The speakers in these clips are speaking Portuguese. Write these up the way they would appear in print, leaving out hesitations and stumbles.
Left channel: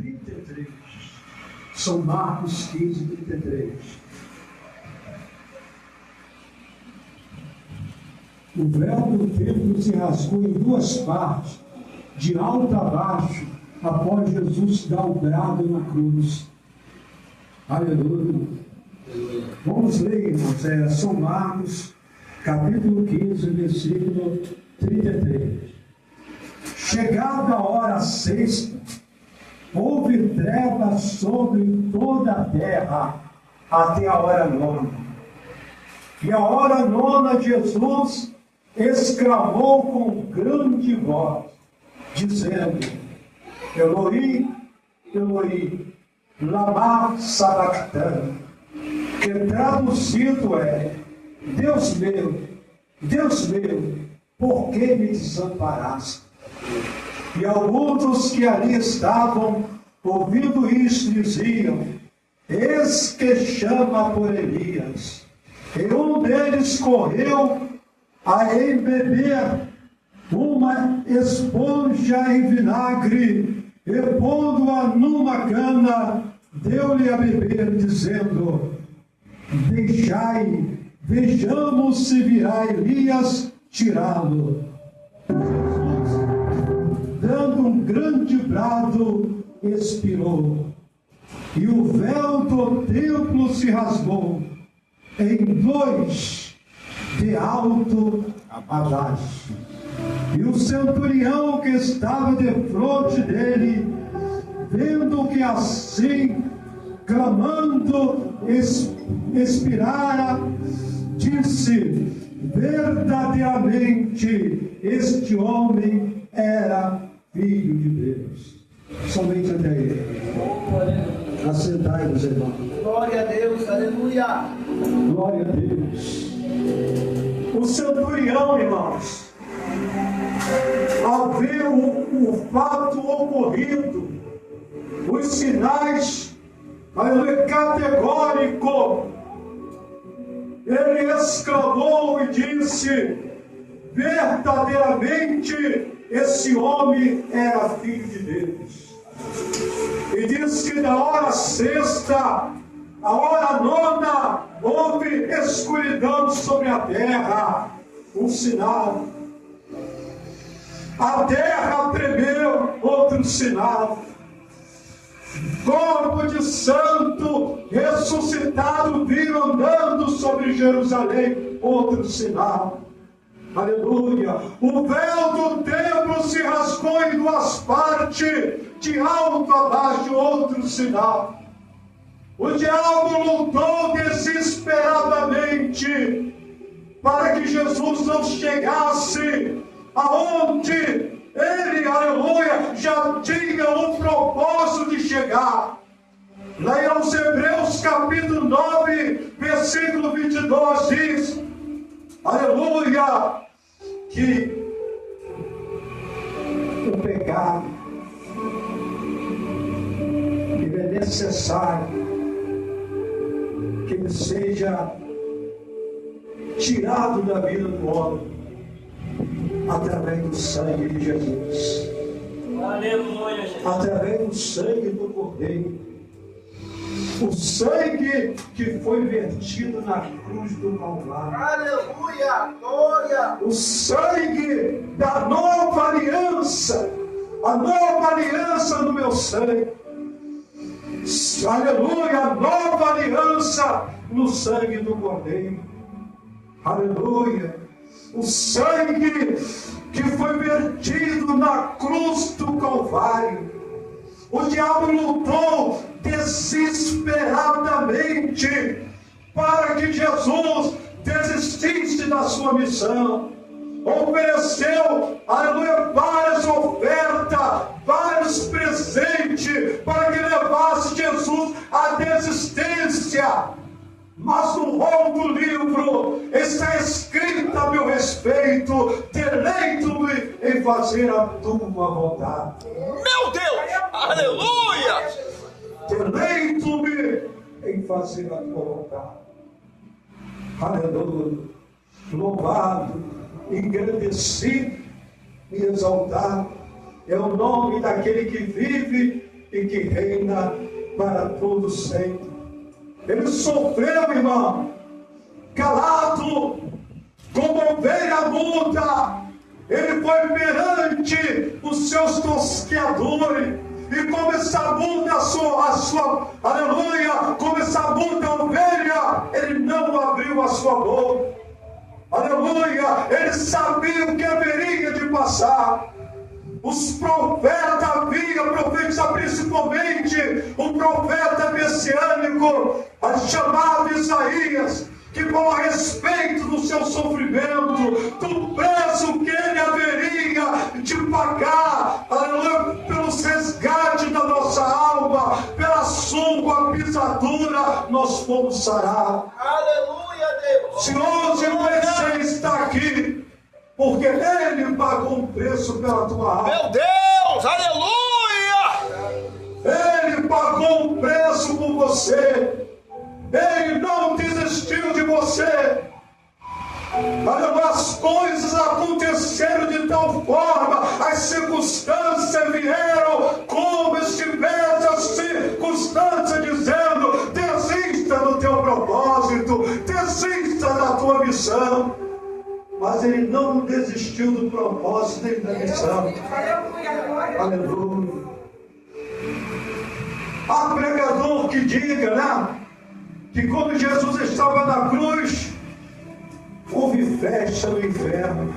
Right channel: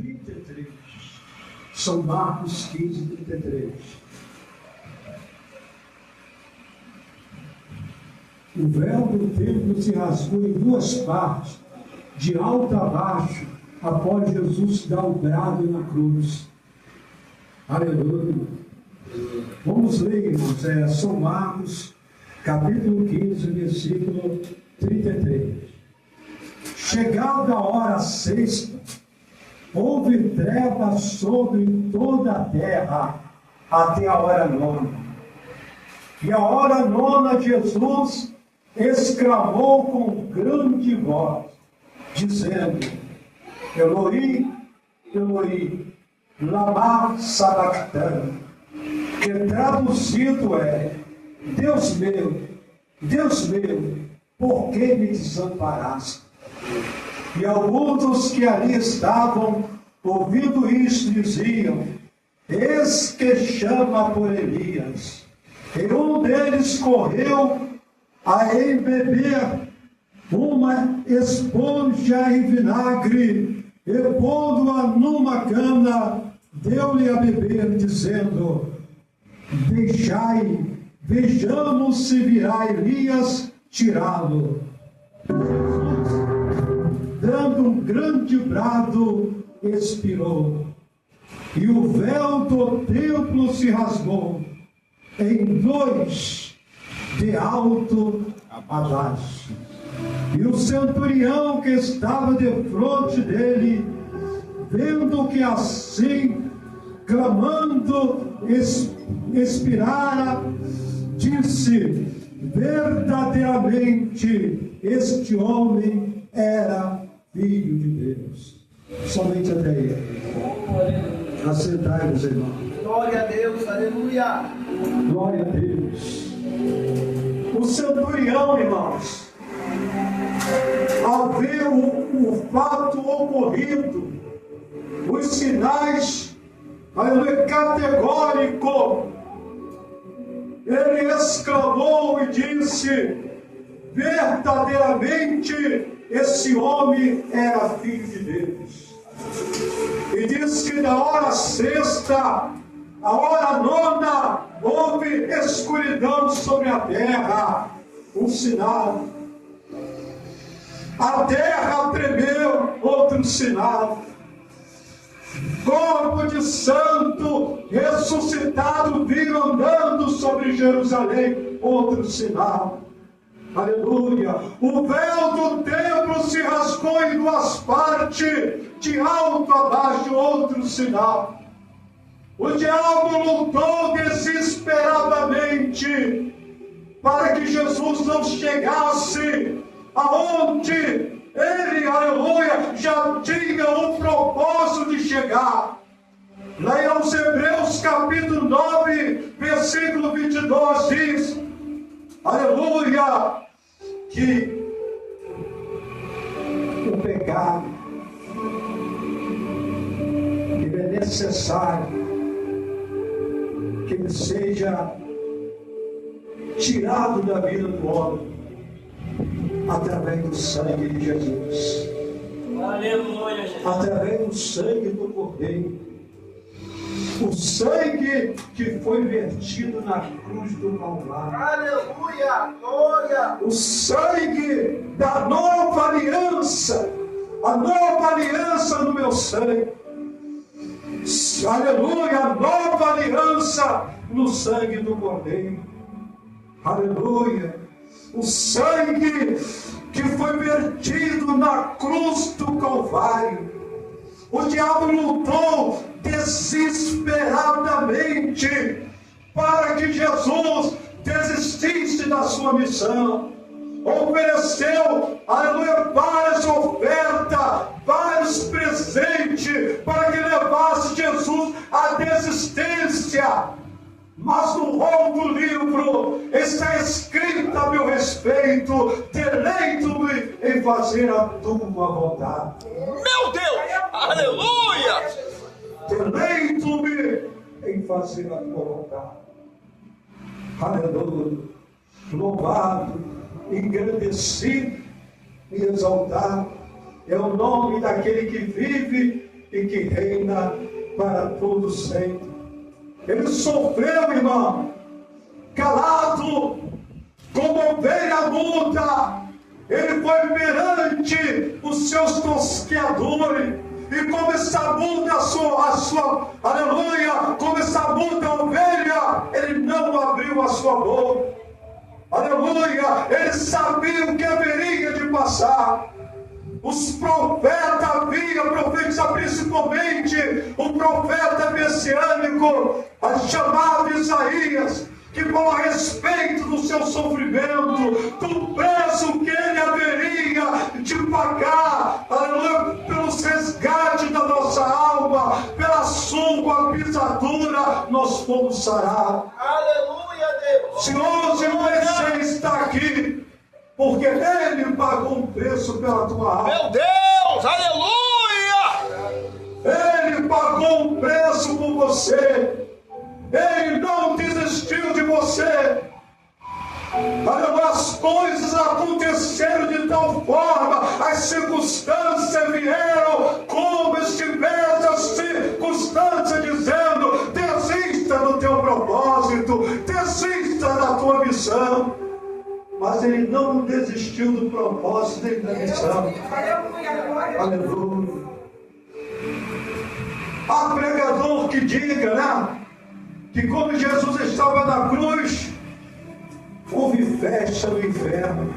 33. São Marcos 15, 33. O véu do templo se rasgou em duas partes, de alto a baixo, após Jesus dar o brado na cruz. Aleluia. Vamos ler, irmãos, São Marcos, capítulo 15, versículo 33. Chegada a hora sexta, houve trevas sobre toda a terra, até a hora nona. E a hora nona, Jesus exclamou com grande voz, dizendo: Eloi, Eloi, lama sabachthani, que traduzido é: Deus meu, por que me desamparaste? E alguns que ali estavam, ouvindo isso, diziam: Eis que chama por Elias. E um deles correu a embeber uma esponja em vinagre, e pondo-a numa cana, deu-lhe a beber, dizendo: Deixai, vejamos se virá Elias tirá-lo. Dando um grande brado, expirou. E o véu do templo se rasgou em dois, de alto a baixo. E o centurião que estava defronte dele, vendo que assim, clamando, expirara, disse: verdadeiramente este homem era Filho de Deus. Somente até ele. Assentai-vos, irmãos. Glória a Deus, aleluia. Glória a Deus. O centurião, irmãos, ao ver o fato ocorrido, os sinais, aleluia, categórico, ele exclamou e disse: verdadeiramente esse homem era Filho de Deus. E diz que da hora sexta à hora nona houve escuridão sobre a terra, um sinal. A terra tremeu, outro sinal. Corpo de santo ressuscitado vindo andando sobre Jerusalém, outro sinal. Aleluia. O véu do templo se rasgou em duas partes, de alto a baixo, outro sinal. O diabo lutou desesperadamente para que Jesus não chegasse aonde ele, aleluia, já tinha o propósito de chegar. Lá em Hebreus capítulo 9, versículo 22 diz, aleluia, que o pecado que é necessário que ele seja tirado da vida do homem através do sangue de Jesus. Aleluia. Através do sangue do Cordeiro. O sangue que foi vertido na cruz do Calvário. Aleluia. Glória. O sangue da nova aliança. A nova aliança no meu sangue. Aleluia. A nova aliança no sangue do Cordeiro. Aleluia. O sangue que foi vertido na cruz do Calvário. O diabo lutou desesperadamente para que Jesus desistisse da sua missão. Ofereceu, aleluia, várias ofertas, vários presentes para que levasse Jesus à desistência. Mas no rol do livro está escrito a meu respeito: deleito-me em fazer a tua vontade. Meu Deus! Aleluia! Deleito-me em fazer a tua vontade. Aleluia! Louvado, engrandecido e exaltado é o nome daquele que vive e que reina para todo sempre. Ele sofreu, irmão, calado, como ovelha muda. Ele foi perante os seus tosqueadores. E como essa muda, aleluia, como essa muda ovelha, ele não abriu a sua boca. Aleluia, ele sabia o que haveria de passar. Os profetas haviam profetizado, principalmente o profeta messiânico, chamado Isaías, que falou a respeito do seu sofrimento, do preço que ele haveria de pagar, aleluia, pelos resgates da nossa alma, pela sua pisadura, nós fomos sarados. Aleluia, Deus. Se hoje você está aqui, porque ele pagou um preço pela tua alma. Meu Deus, aleluia! Ele pagou um preço por você. Ele não desistiu de você. As coisas aconteceram de tal forma, as circunstâncias vieram como estivesse as circunstâncias dizendo: desista do teu propósito, desista da tua missão. Mas ele não desistiu do propósito e da missão. Aleluia. Há pregador que diga, né, que quando Jesus estava na cruz, houve festa no inferno.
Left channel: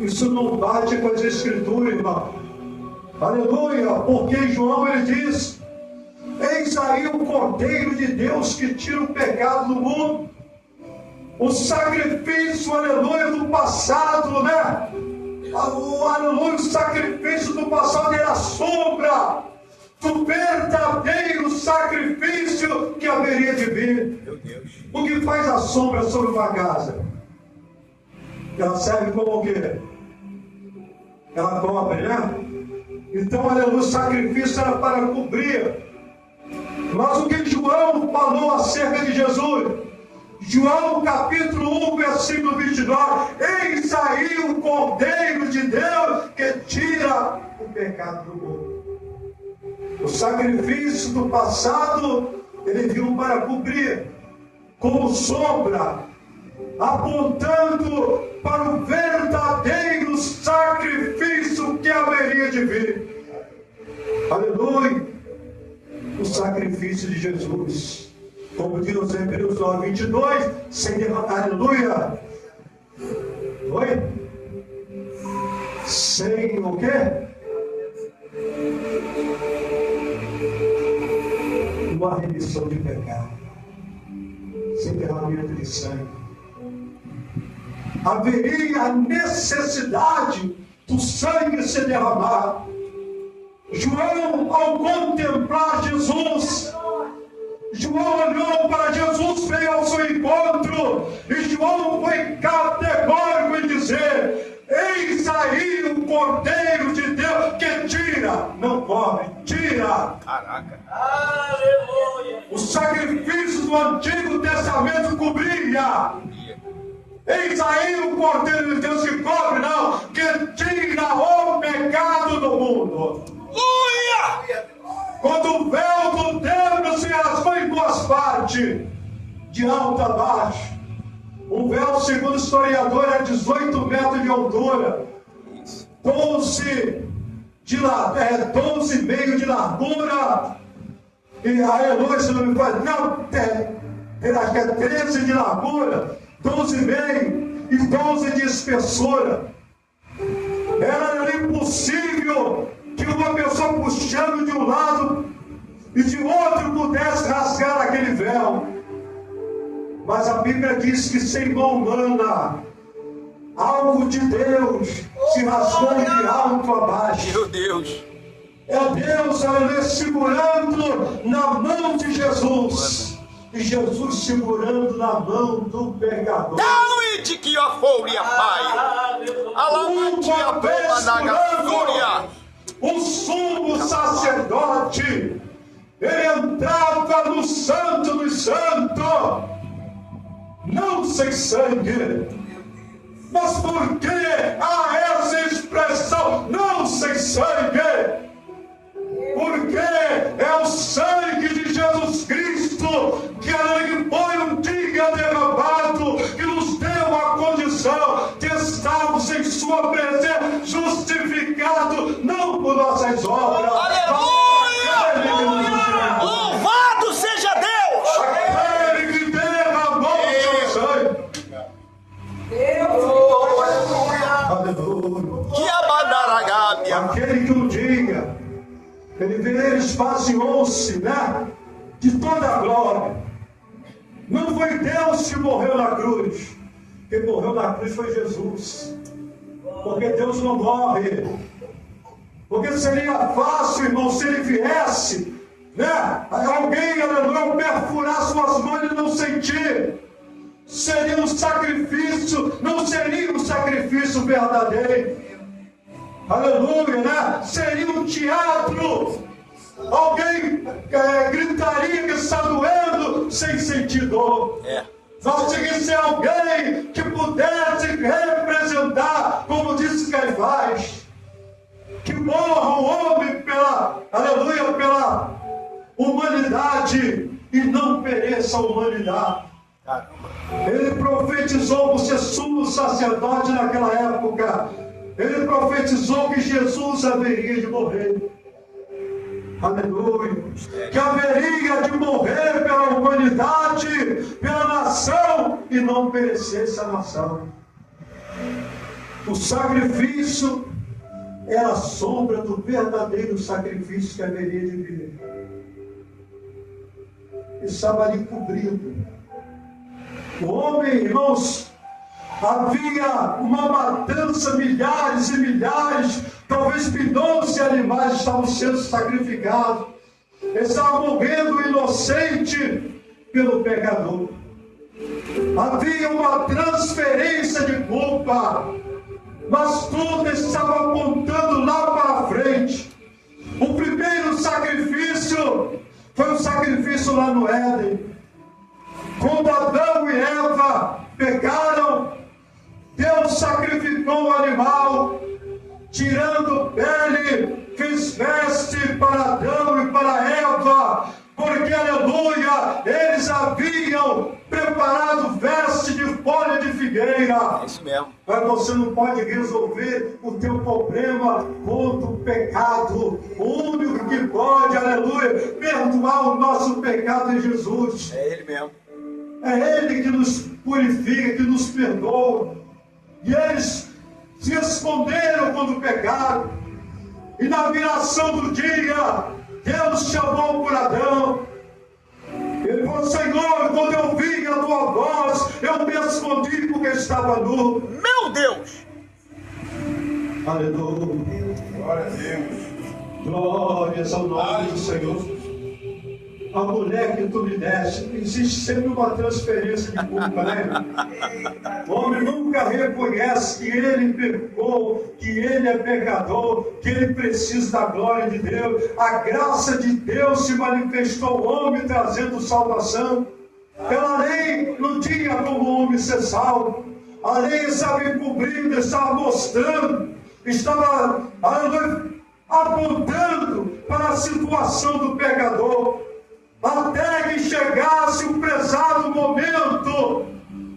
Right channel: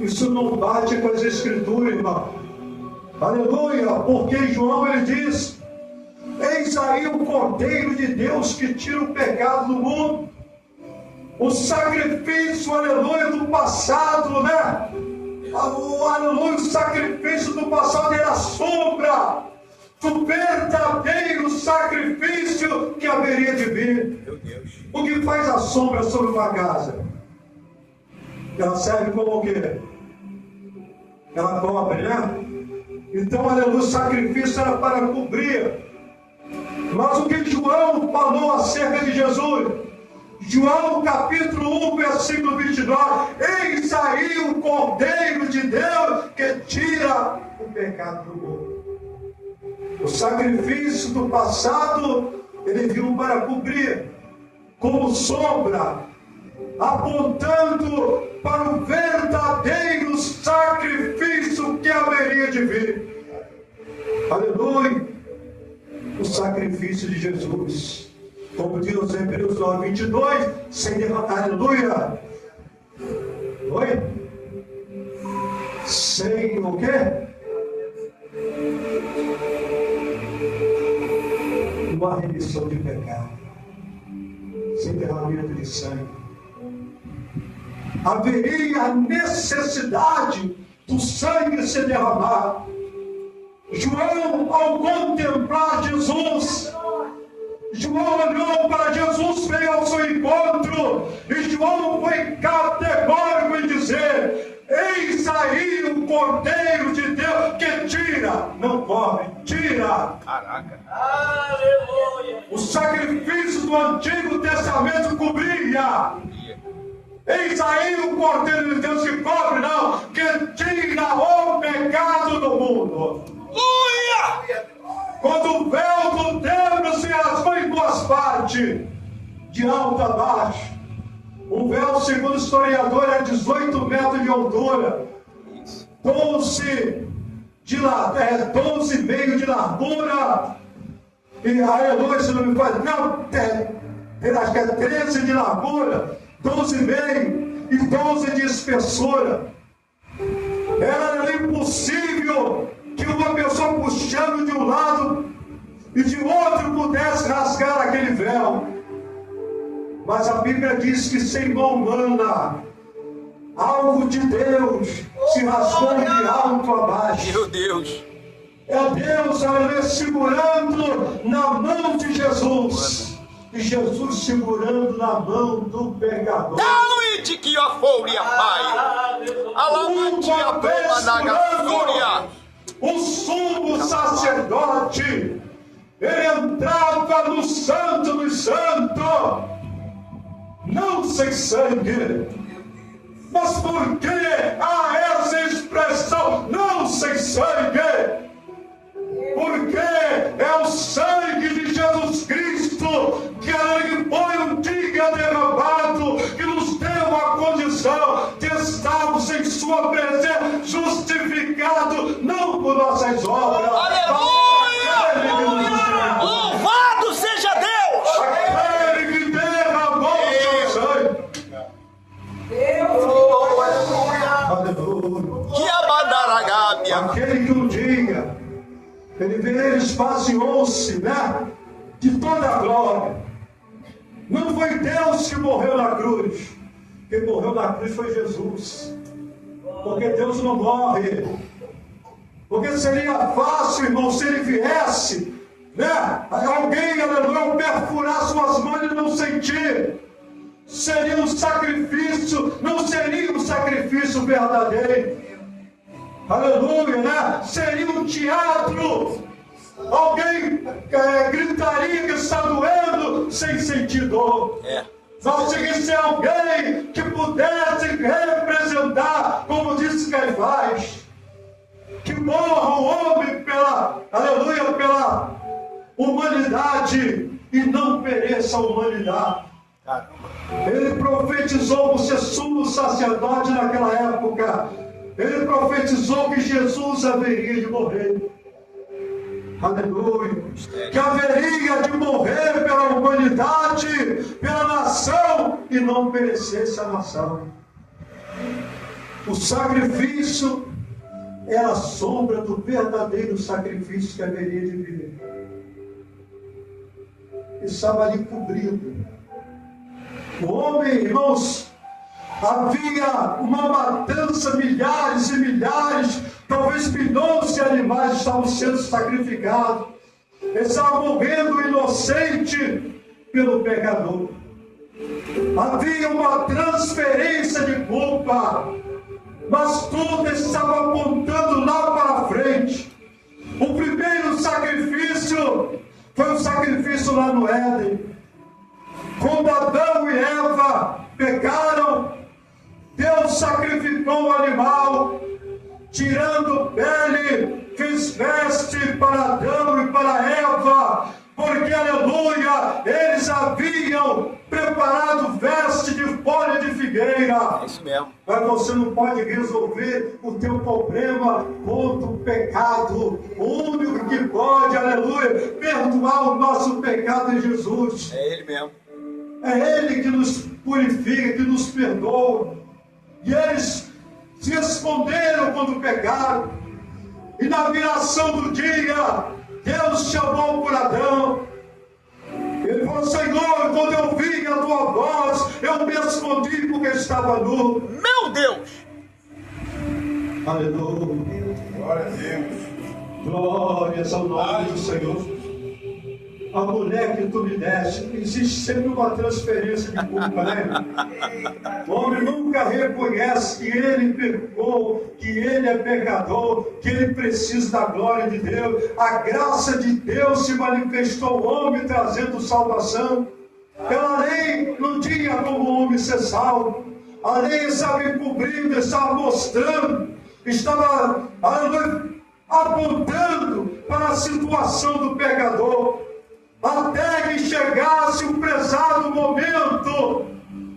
Isso não bate com as Escrituras, irmão. Aleluia, porque em João ele diz: eis aí o Cordeiro de Deus que tira o pecado do mundo. O sacrifício, aleluia, do passado, né? Aleluia, o sacrifício do passado era sombra do verdadeiro sacrifício que haveria de vir. O que faz a sombra sobre uma casa? Ela serve como o quê? Ela cobre, né? Então, aleluia, o sacrifício era para cobrir. Mas o que João falou acerca de Jesus? João capítulo 1, versículo 29. Eis aí o Cordeiro de Deus que tira o pecado do mundo. O sacrifício do passado, ele viu para cobrir, como sombra, apontando para o verdadeiro sacrifício que haveria de vir. Aleluia! O sacrifício de Jesus. Como diz em Hebreus 9:22, sem derramar, aleluia! Oi? Sem o quê? Uma remissão de pecado, sem derramamento de sangue. Haveria a necessidade do sangue ser derramado. João, ao contemplar Jesus, João olhou para Jesus, veio ao seu encontro, e João foi categórico em dizer: eis aí o Cordeiro de Deus que tira, não cobre, tira. Caraca. Aleluia. O sacrifício do Antigo Testamento cobria. Eis aí o Cordeiro de Deus que cobre, não, que tira o pecado do mundo. Aleluia! Quando o véu do templo se rasgou em duas partes, de alto a baixo, o véu, segundo o historiador, é 18 metros de altura, 12,5 de largura, e a Eloi, se não me faz, não, acho que é 13 de largura, 12,5 e 12 de espessura. Era impossível que uma pessoa puxando de um lado e de outro pudesse rasgar aquele véu. Mas a Bíblia diz que sem mão humana, algo de Deus se rasgou de alto a baixo. Meu Deus! É Deus, aleluia, segurando na mão de Jesus. E Jesus segurando na mão do pecador. David que a fúria, pai! Alama que a pema na gafúria! O sumo sacerdote, ele entrava no santo dos santos, não sem sangue. Mas por que há essa expressão, não sem sangue? Porque sangue de Jesus Cristo, que foi um dia derramado, que nos deu a condição de estarmos em sua presença, justificado, não por nossas obras. Aleluia! Louvado seja Deus! Aquele que derramou o seu sangue. Aleluia. Que abandaragábia! Aquele que um dia ele esvaziou-se, né, de toda a glória. Não foi Deus que morreu na cruz. Quem morreu na cruz foi Jesus. Porque Deus não morre. Porque seria fácil, irmão, se ele viesse, né, alguém, aleluia, perfurar suas mãos e não sentir. Seria um sacrifício, não seria um sacrifício verdadeiro. Aleluia, né? Seria um teatro. Alguém gritaria que está doendo sem sentir dor. Nós teria que ser alguém que pudesse representar, como disse Caifás, que morra o homem pela, aleluia, pela humanidade e não pereça a humanidade. Ele profetizou por ser sumo sacerdote naquela época. Ele profetizou que Jesus haveria de morrer. Aleluia. Que haveria de morrer pela humanidade, pela nação, e não perecesse a nação. O sacrifício era a sombra do verdadeiro sacrifício que haveria de vir. Estava ali cobrido. O homem, irmãos, havia uma matança, milhares e milhares, talvez milhões de animais estavam sendo sacrificados. Estavam morrendo inocente pelo pecador. Havia uma transferência de culpa, mas tudo estava apontando lá para frente. O primeiro sacrifício foi o sacrifício lá no Éden. Quando Adão e Eva pecaram, Deus sacrificou o animal, tirando pele, fez veste para Adão e para Eva, porque, aleluia, eles haviam preparado veste de folha de figueira. É isso mesmo. Mas você não pode resolver o teu problema contra o pecado. O único que pode, aleluia, perdoar o nosso pecado é Jesus. É Ele mesmo. É Ele que nos purifica, que nos perdoa. E eles se esconderam quando pecaram. E na viração do dia, Deus chamou por Adão. Ele falou: Senhor, quando eu vi a tua voz, eu me escondi porque estava nu. Meu Deus! Aleluia. Glória a Deus. Glórias ao nome do Senhor. A mulher que tu me deste, existe sempre uma transferência de culpa, né? O homem nunca reconhece que ele pecou, que ele é pecador, que ele precisa da glória de Deus. A graça de Deus se manifestou ao homem, trazendo salvação. Pela lei não tinha como o homem ser salvo. A lei estava encobrindo, estava mostrando, estava apontando para a situação do pecador. Até que chegasse o prezado momento.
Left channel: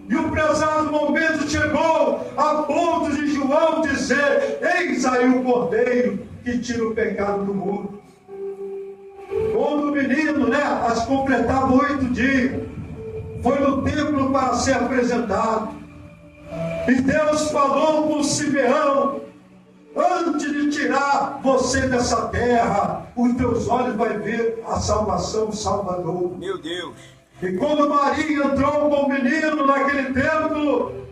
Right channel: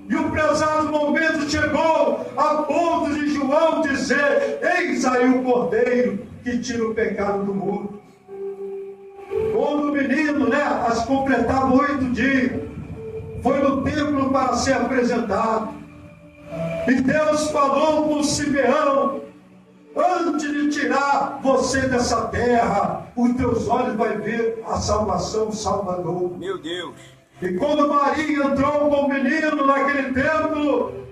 E o prezado momento chegou a ponto de João dizer: eis aí o cordeiro que tira o pecado do mundo. Quando o menino, né, as completava 8 dias, foi no templo para ser apresentado. E Deus falou com Simeão: antes de tirar você dessa terra, os teus olhos vão ver a salvação, o Salvador. Meu Deus! E quando Maria entrou com o menino naquele templo,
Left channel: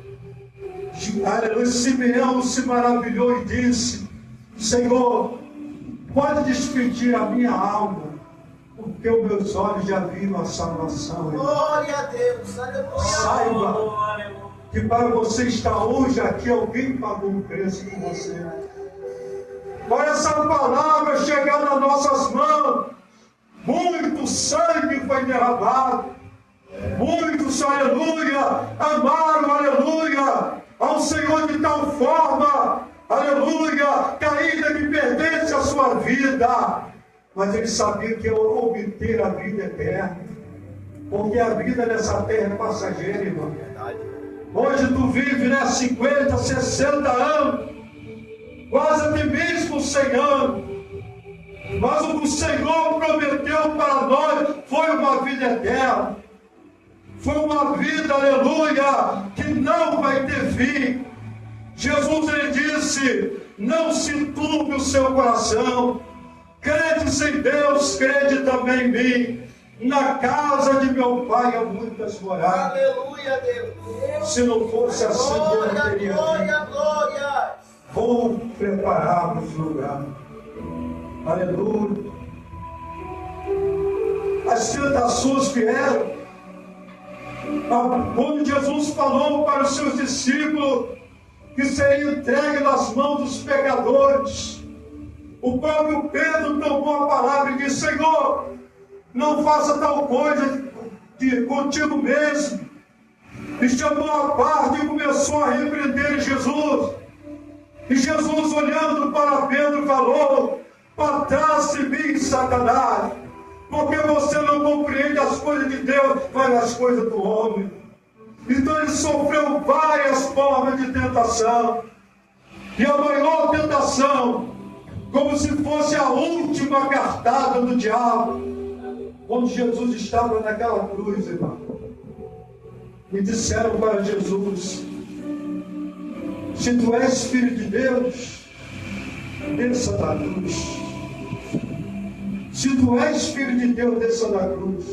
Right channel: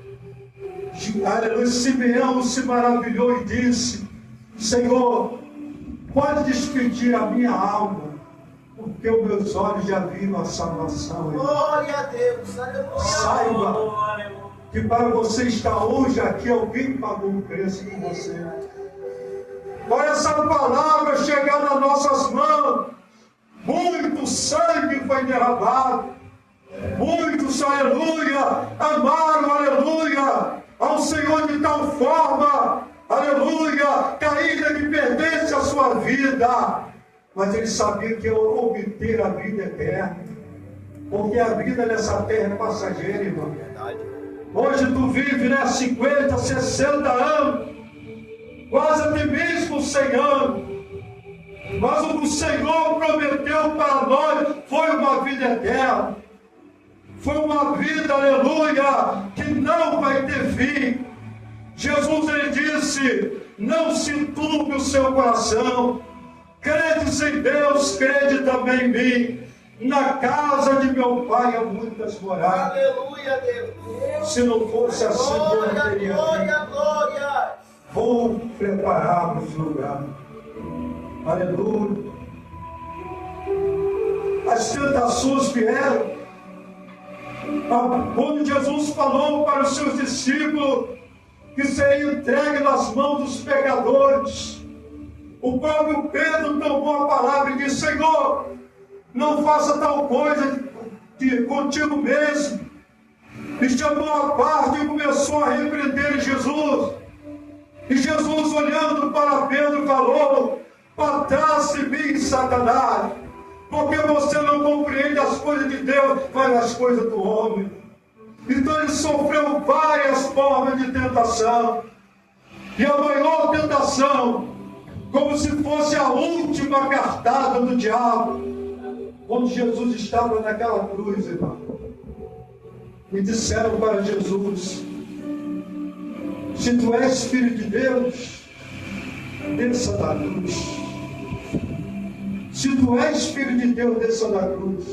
aleluia, Simeão se maravilhou e disse: Senhor, pode despedir a minha alma, porque os meus olhos já viram a salvação. Glória a Deus. Aleluia. Saiba que para você estar hoje aqui, alguém pagou um preço por você. Para essa palavra chegar nas nossas mãos, muito sangue foi derramado, muitos, aleluia, amaram, aleluia, ao Senhor de tal forma, aleluia, que ainda que pertence à sua vida, mas ele sabia que ia obter a vida eterna, porque a vida nessa terra é passageira, irmão. Hoje tu vive, né, 50, 60 anos, quase até mesmo 100 anos, mas o que o Senhor prometeu para nós foi uma vida eterna, foi uma vida, aleluia, que não vai ter fim. Jesus, ele disse: não se enturbe o seu coração, credes em Deus, crede também em mim. Na casa de meu pai há muitas moradas. Aleluia, Deus. Se não fosse assim, eu não Glória, teria glória, vindo. glória. Vou preparar-vos lugar. Aleluia. As tentações vieram. Quando Jesus falou para os seus discípulos que seria entregue nas mãos dos pecadores, o próprio Pedro tomou a palavra e disse: Senhor, não faça tal coisa contigo mesmo. E chamou a parte e começou a repreender Jesus. E Jesus, olhando para Pedro, falou: para trás de mim, Satanás, porque você não compreende as coisas de Deus, mas as coisas do homem. Então ele sofreu várias formas de tentação. E a maior tentação, como se fosse a última cartada do diabo, quando Jesus estava naquela cruz, irmão, e disseram para Jesus: se tu és filho de Deus, desça da cruz. Se tu és filho de Deus, desça da cruz.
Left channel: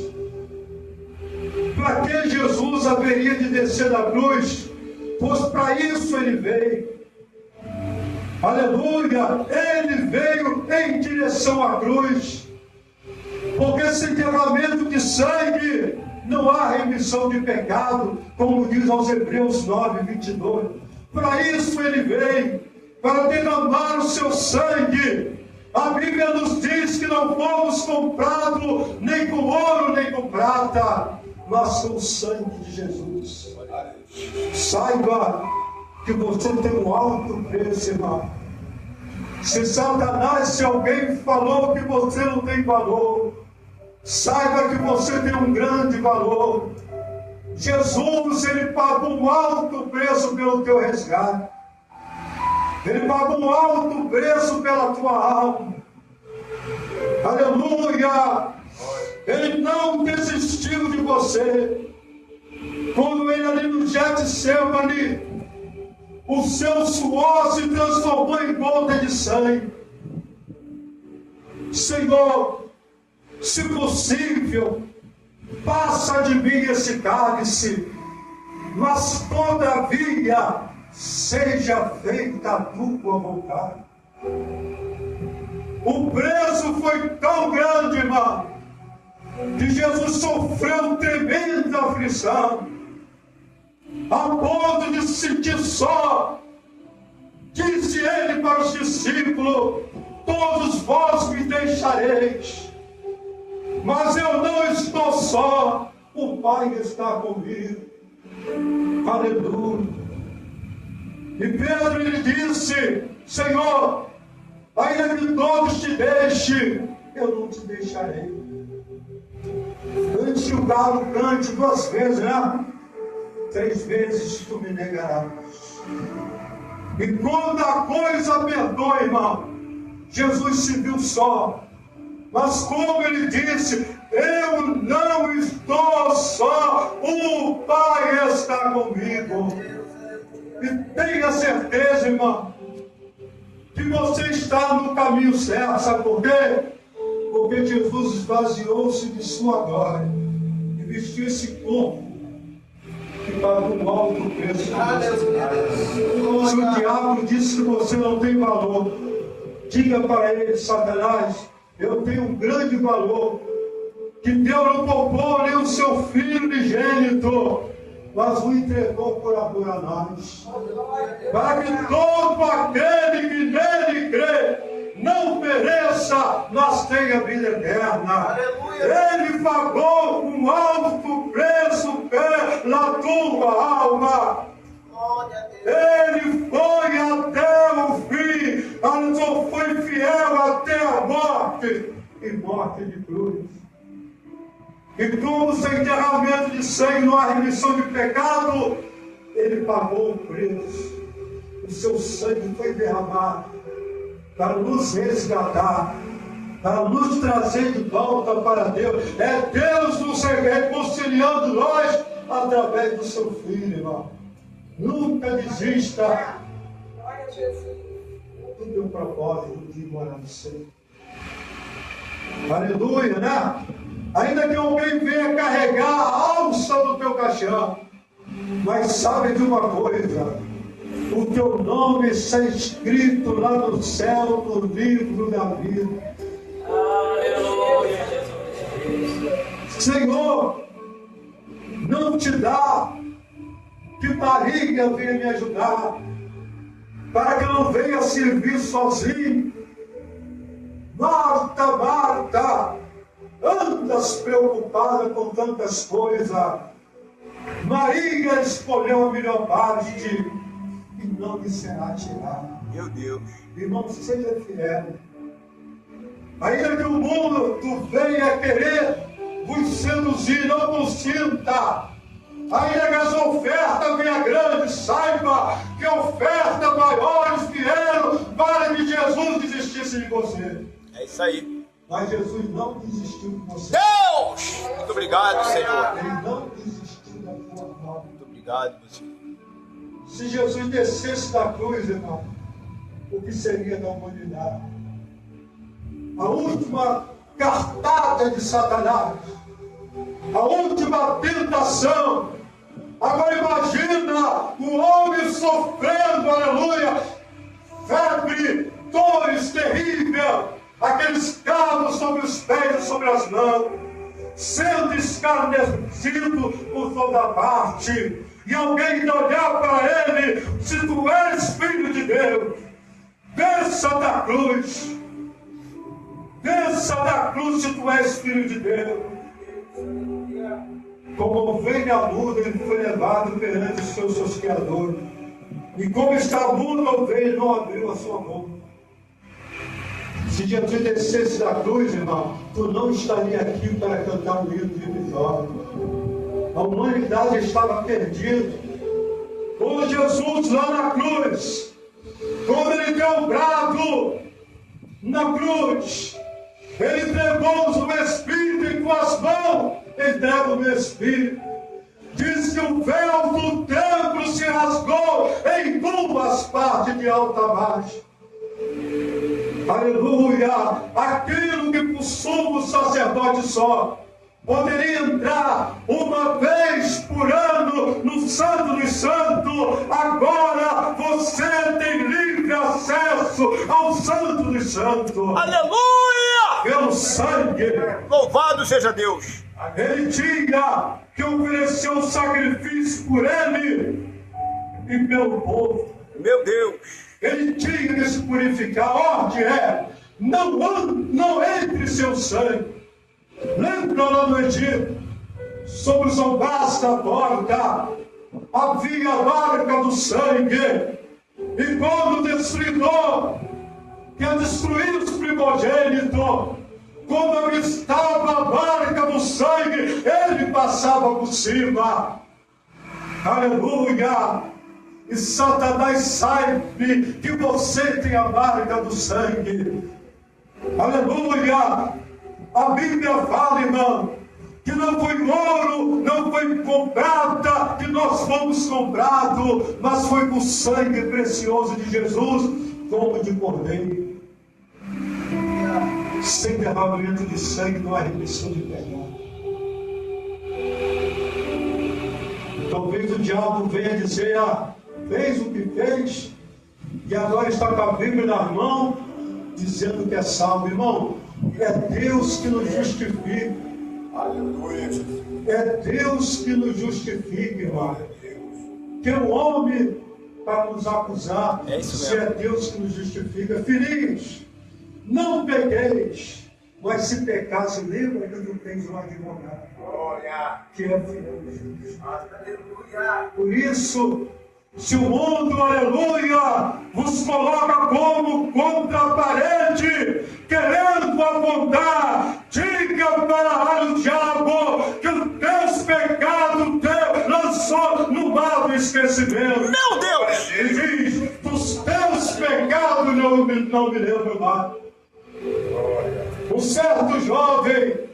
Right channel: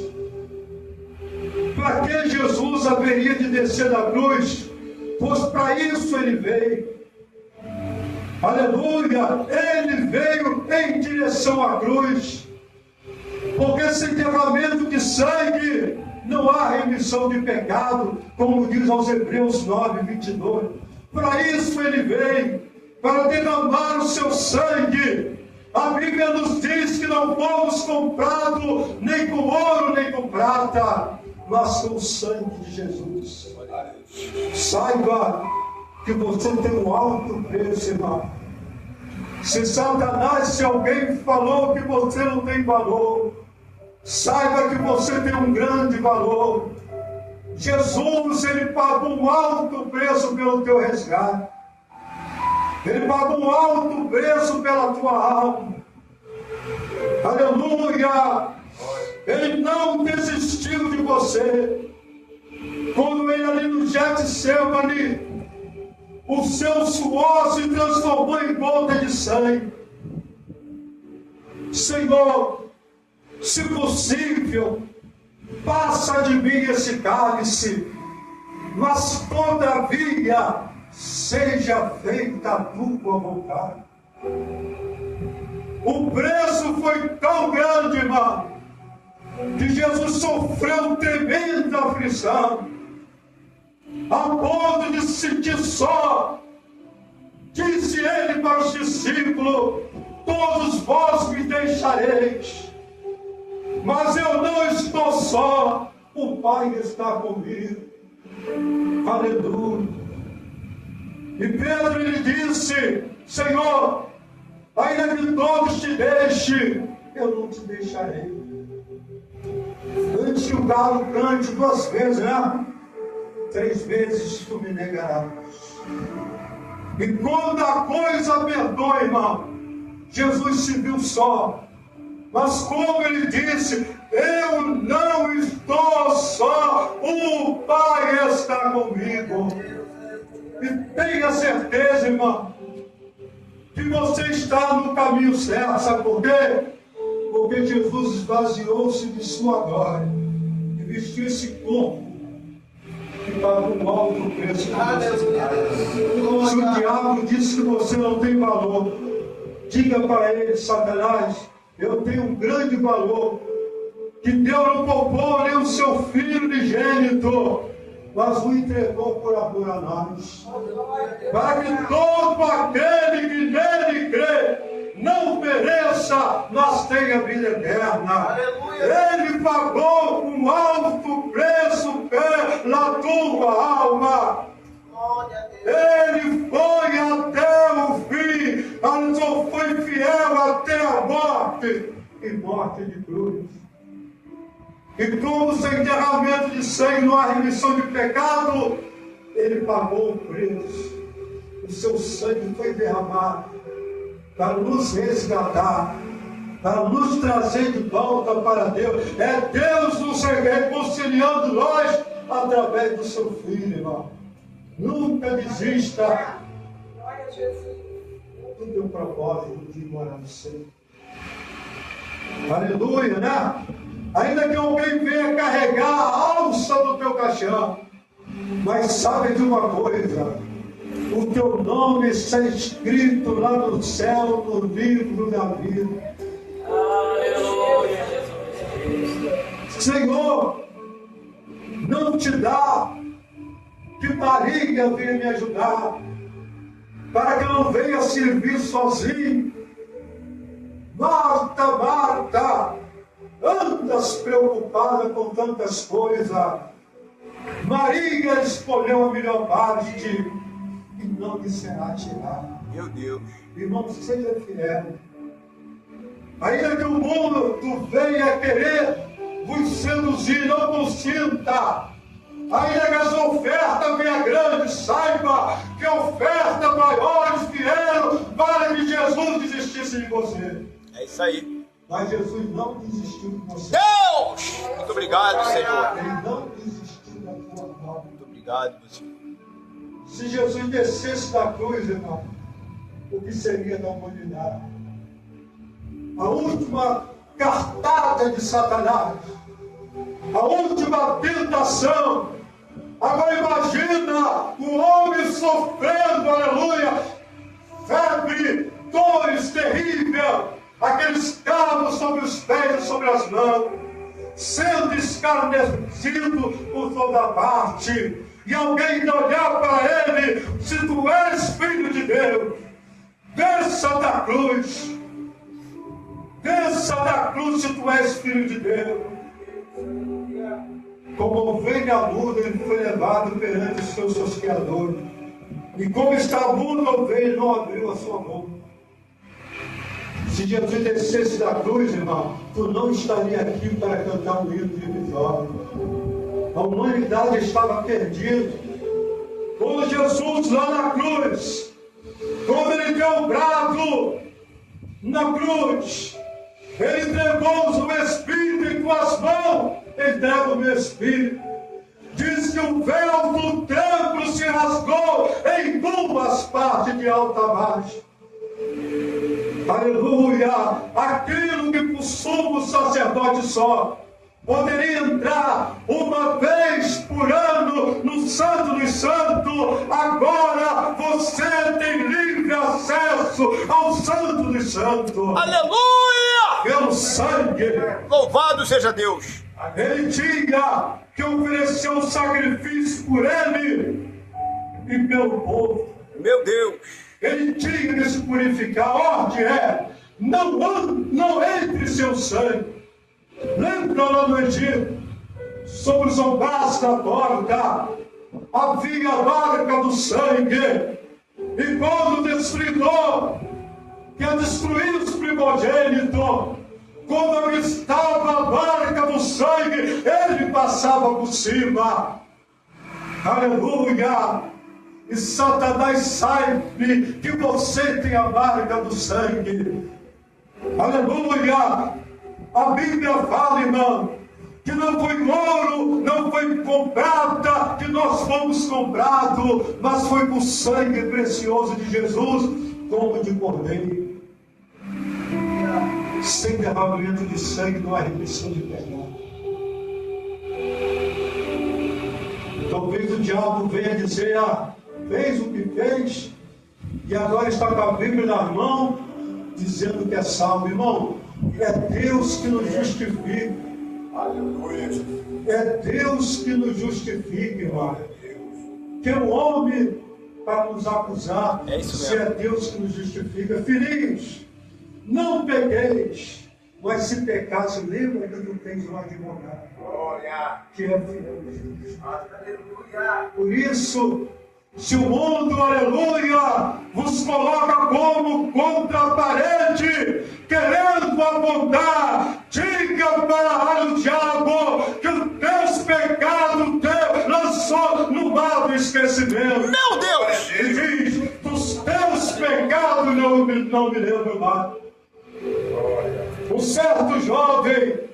Para que Jesus haveria de descer da cruz? Pois para isso ele veio. Aleluia! Ele veio em direção à cruz. Porque sem derramamento de sangue não há remissão de pecado, como diz aos Hebreus 9, 22. Para isso ele veio, para derramar o seu sangue. A Bíblia nos diz que não fomos comprados nem com ouro nem com prata, mas com o sangue de Jesus. Saiba que você tem um alto preço, irmão. Se Satanás, se alguém falou que você não tem valor, saiba que você tem um grande valor. Jesus, ele pagou um alto preço pelo teu resgate. Ele pagou um alto preço pela tua alma. Aleluia! Ele não desistiu de você. Quando ele ali no Getsemane, o seu suor se transformou em gota de sangue. Senhor, se possível, passa de mim esse cálice, mas todavia seja feita a tua vontade. O preço foi tão grande, irmão, que Jesus sofreu tremenda aflição, a ponto de se sentir só. Disse ele para os discípulos: todos vós me deixareis, mas eu não estou só, o Pai está comigo. Aleluia. E Pedro lhe disse: Senhor, ainda que todos te deixem, eu não te deixarei. Antes que o galo cante 2 vezes, né? 3 vezes tu me negarás. E quando a coisa apertou, irmão, Jesus se viu só. Mas como ele disse: eu não estou só, o Pai está comigo. E tenha certeza, irmão, que você está no caminho certo. Sabe por quê? Porque Jesus esvaziou-se de sua glória e vestiu esse corpo que pagou um alto preço para você. Se o diabo disse que você não tem valor, diga para ele: Satanás, eu tenho um grande valor, que Deus não poupou nem o seu filho unigênito, mas o entregou por amor a nós, para que todo aquele que nele crê não pereça, mas tenha vida eterna. Ele pagou um alto preço pela tua alma. Ele foi até o fim, foi fiel até a morte. e morte de cruz. E como sem derramamento de sangue não há remissão de pecado, ele pagou o preço. O seu sangue foi derramado para nos resgatar, para nos trazer de volta para Deus. É Deus nos reconciliando nós através do seu Filho, irmão. Nunca desista do teu propósito de morar no céu. Aleluia, né? Ainda que alguém venha carregar a alça do teu caixão, mas sabe de uma coisa: o teu nome está escrito lá no céu, no livro da vida. Aleluia. Senhor, não te dá que Maria venha me ajudar, para que eu não venha servir sozinho. Marta, Marta, andas preocupada com tantas coisas. Maria escolheu a melhor parte e não lhe será tirada. Meu Deus. Irmãos, seja fiel. Ainda que o mundo venha querer vos seduzir, não consinta. Ainda que as ofertas venham grandes, saiba que ofertas maiores vieram para que Jesus desistisse de você. É isso aí. Mas Jesus não desistiu de você. Deus! Muito obrigado, Senhor. Ele não desistiu da tua alma. Muito obrigado, meu Senhor. Se Jesus descesse da cruz, irmão, o que seria da humanidade? A última cartada de Satanás, a última tentação. Agora imagina o homem sofrendo, aleluia, febre, dores terríveis, aqueles cabos sobre os pés e sobre as mãos, sendo escarnecido por toda parte, e alguém olhar para ele: se tu és filho de Deus, desça da cruz, desça da cruz se tu és filho de Deus. Como ovelha muda, ele foi levado perante os seus criadores, e como está muda a ovelha, não abriu a sua boca. Se Jesus descesse da cruz, irmão, tu não estaria aqui para cantar o hino de vitória. A humanidade estava perdida. Quando Jesus lá na cruz, quando ele deu o brado na cruz, ele entregou o Espírito em tuas mãos, entrega o meu Espírito. Diz que o véu do templo se rasgou em duas partes, de alta a baixo. Aleluia! Aquilo que por sumo sacerdote só poderia entrar uma vez por ano no Santo dos Santos, agora você tem livre acesso ao Santo dos Santos. Aleluia! Pelo sangue. Louvado seja Deus. Ele tinha que oferecer um sacrifício por ele e pelo povo. Meu Deus. Ele tinha que se purificar. A ordem é: não entre seu sangue. Lembra lá no Egito, sobre os alvares da porta, havia a marca do sangue. E quando o destruidor quer destruir os primogênitos, quando avistava a marca do sangue, ele passava por cima. Aleluia! E Satanás sabe que você tem a marca do sangue. Aleluia! A Bíblia fala, irmão, que não foi ouro, não foi com prata que nós fomos comprados, mas foi com sangue precioso de Jesus, como de cordeiro. Sem derramamento de sangue não há remissão de pecado. Talvez o diabo venha dizer: fez o que fez e agora está com a Bíblia na mão, dizendo que é salvo. Irmão, é Deus que nos justifica. Aleluia. É Deus que nos justifica, irmão. Que é o homem para nos acusar, se é Deus que nos justifica. Filhinhos, não pegueis, mas se pecasse, lembra que tu tens um advogado, Glória. que é fiel. Aleluia. Por isso, Se o mundo, aleluia, vos coloca como contra a parede, querendo apontar, diga para o diabo que os teus pecados Deus lançou no mar do esquecimento. Meu Deus! E diz, dos teus pecados não me lembro mais. Um certo jovem,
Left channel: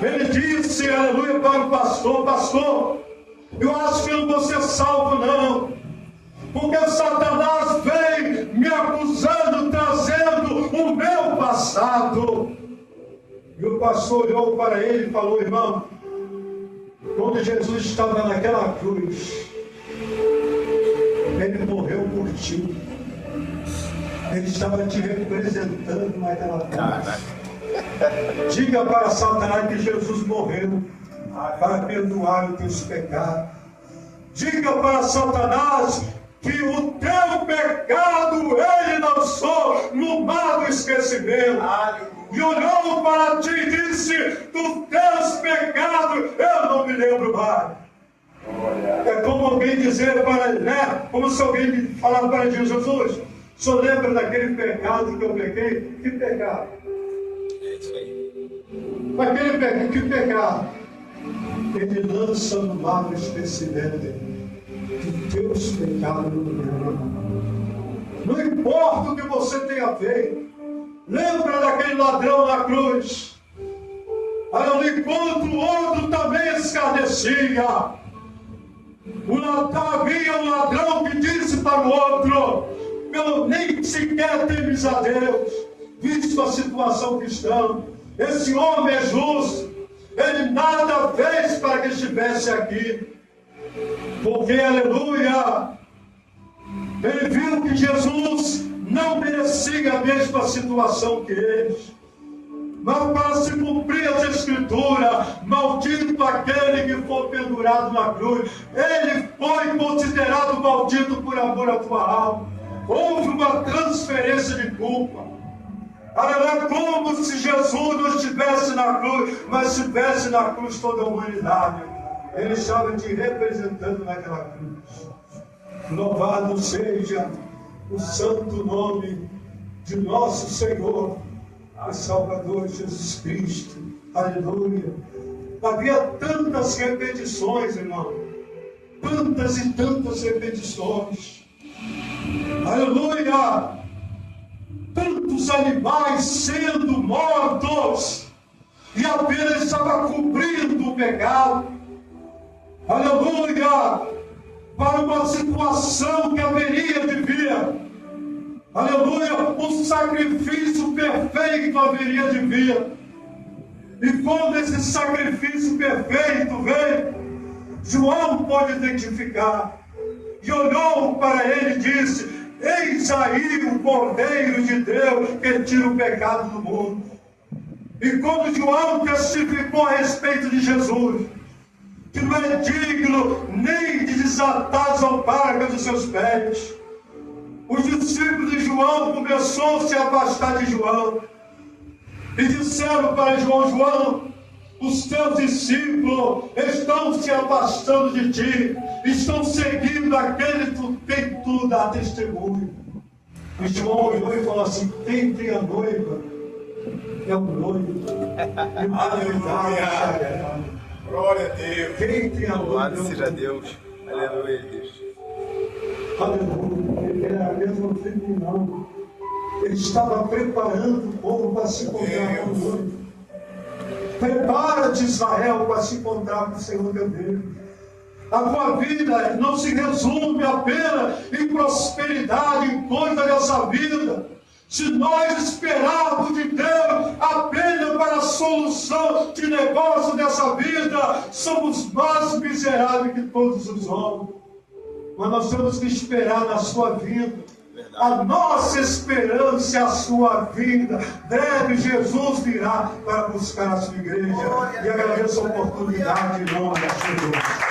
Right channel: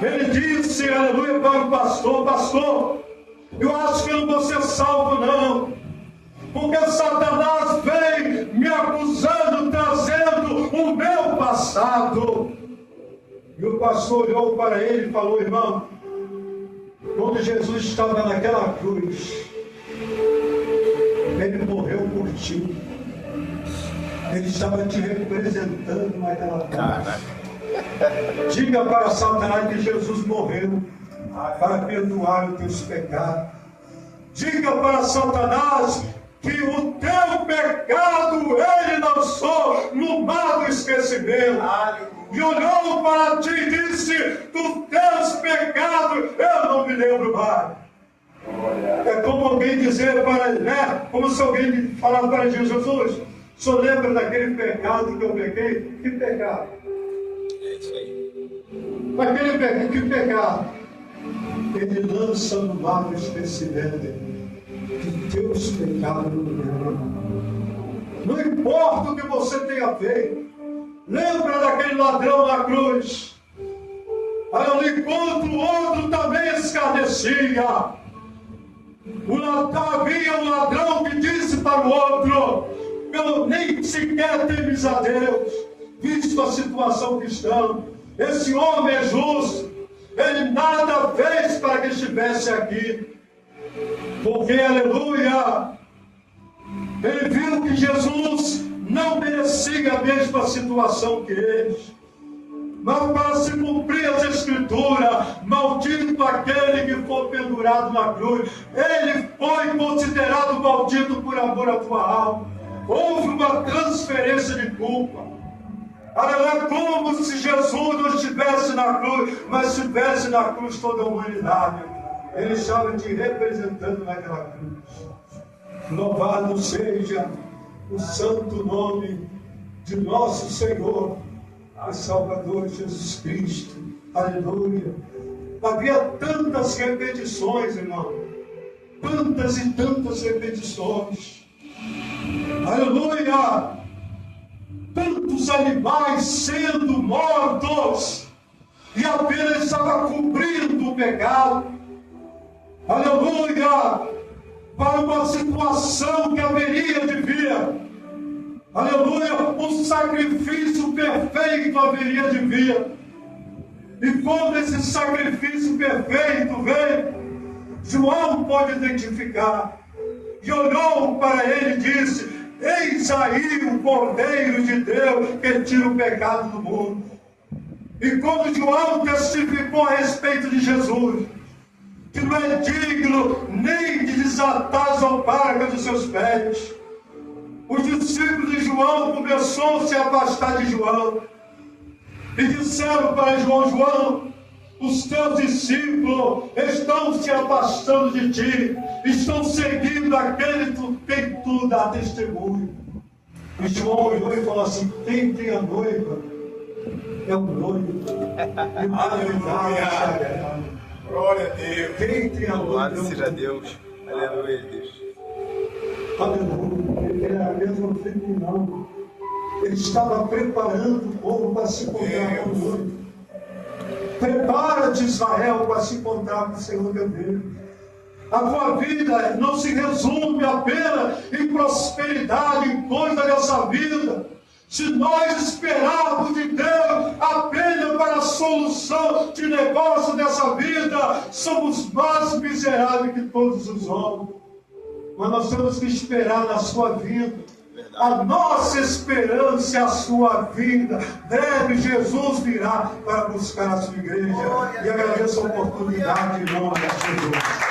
ele disse, aleluia, para o pastor, pastor, eu acho que eu não vou ser salvo não, porque Satanás vem me acusando, trazendo o meu passado. E o pastor olhou para ele e falou, irmão, quando Jesus estava naquela cruz, ele morreu por ti. Ele estava te representando naquela cruz. Diga para Satanás que Jesus morreu para perdoar os teus pecados. Diga para Satanás que o teu pecado ele lançou no mar do esquecimento. E olhou para ti e disse, dos teus pecados eu não me lembro mais. É como alguém dizer para ele, né? Como se alguém falar para Jesus, o senhor lembra daquele pecado que eu pequei? Que pecado? É isso aí. Aquele pecado, que pecado? Ele lança no mar do esquecimento que teus pecados não me lembram. Não importa o que você tenha feito. Lembra daquele ladrão na cruz? Enquanto o outro também escarnecia. Havia um ladrão que disse para o outro, eu nem sequer temes a Deus, visto a situação que estamos. Esse homem é justo, ele nada fez para que estivesse aqui. Porque, aleluia, ele viu que Jesus não merecia a mesma situação que eles. Mas para se cumprir as escrituras, maldito aquele que for pendurado na cruz, ele foi considerado maldito por amor à tua alma. Houve uma transferência de culpa. É como se Jesus não estivesse na cruz, mas estivesse na cruz toda a humanidade. Ele estava te representando naquela cruz. Louvado seja o santo nome de nosso Senhor e Salvador Jesus Cristo. Aleluia. Havia tantas repetições, irmão. Tantas e tantas repetições. Aleluia. Tantos animais sendo mortos. E apenas estava cumprindo o pecado. Aleluia. Para uma situação que haveria de vir. Aleluia, um sacrifício perfeito haveria de vir. E quando esse sacrifício perfeito veio, João pôde identificar. E olhou para ele e disse, eis aí o Cordeiro de Deus que tira o pecado do mundo. E quando João testificou a respeito de Jesus, que não é digno nem de desatar as alparcas dos seus pés, os discípulos de João começaram a se afastar de João e disseram para João, João, os teus discípulos estão se afastando de ti, estão seguindo aquele quem tu dá testemunho. E João olhou e falou assim, quem tem a noiva é o noivo. Aleluia. Glória a Deus. Quem tem a noiva? Louvado seja Deus. Aleluia, Deus. Aleluia. Ele era mesmo filho, não. Ele estava preparando o povo para se encontrar com o Senhor. Prepara-te, Israel, para se encontrar com o Senhor teu Deus. A tua vida não se resume apenas em prosperidade, em coisa dessa vida. Se nós esperarmos de Deus apenas para a solução de negócio dessa vida, somos mais miseráveis que todos os homens. Mas nós temos que esperar na sua vida. A nossa esperança é a sua vida. Breve Jesus virá para buscar a sua igreja. E agradeço a oportunidade em nome de Jesus.